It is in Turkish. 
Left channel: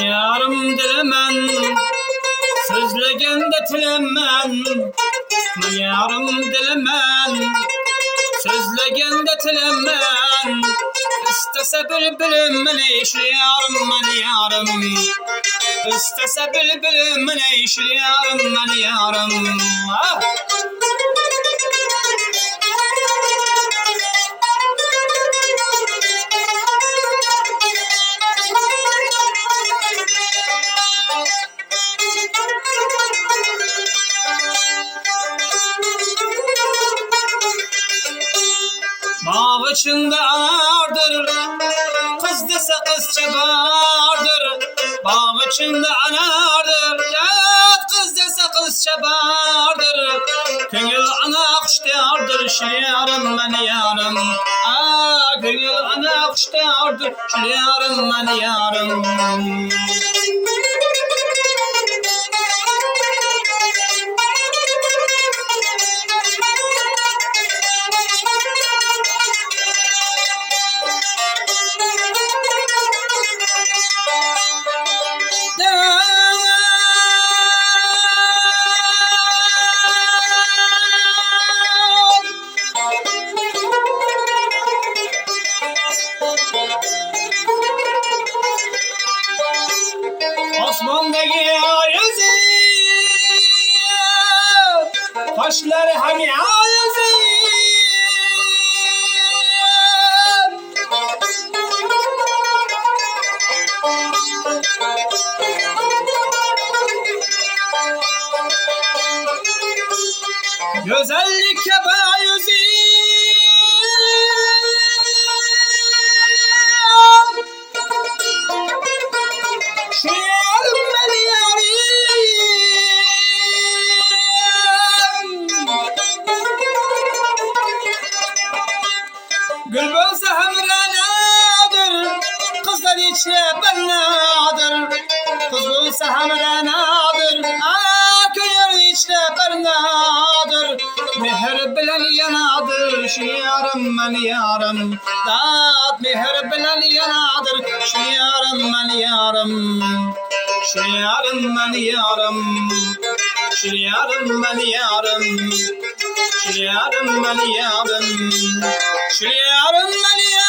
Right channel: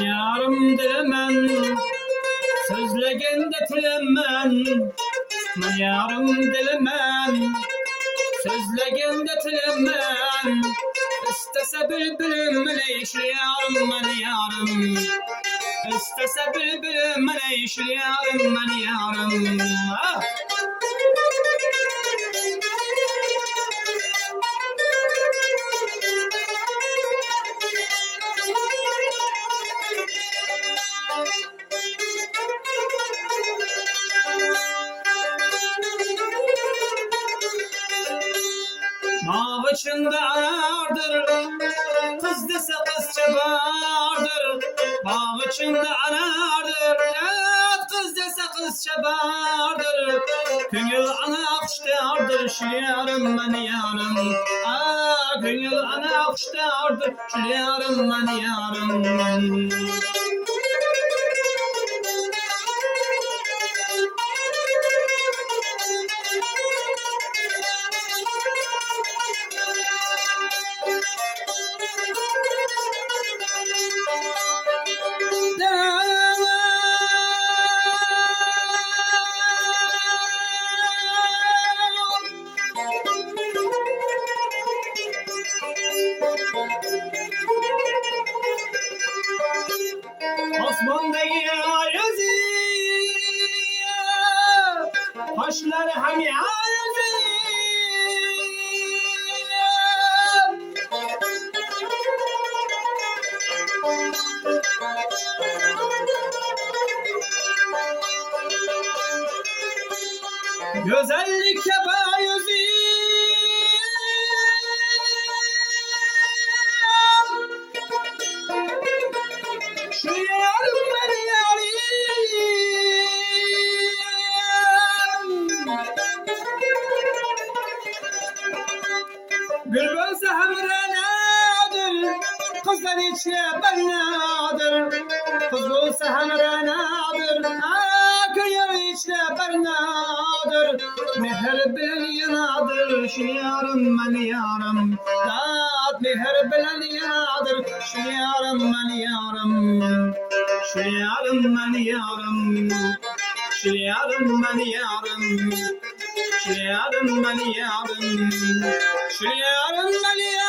Yarım dilemen, sözlegende tilemen. Yarım dilemen, sözlegende tilemen. İstese bülbülüm ne işli yarım ben yarım. İstese bülbülüm ne işli yarım ben yarım. Ah! Bağ içinde anardır, kız dese kız çabardır. Bağ içinde anardır, kız dese kız çabardır. Gönül ana kuşlardır, şilyarım ben yarım. Gönül ana kuşlardır, şilyarım ben yarım. Osman'daki yüzü, kaşları hani yüzü. Güzellik yapar yüzü. Gül bulsa hamranadır, kızlar içine bernadır. Kız bulsa hamranadır, gönül içine bernadır. Meher bilen yanadır, şu yarım ben yarım. Dağıt meher bilen yanadır, şu yarım ben yarım. Şu yarım ben yarım. Şu yarım ben yarım. Şu yarım ben yarım. Şu yarım ben yarım.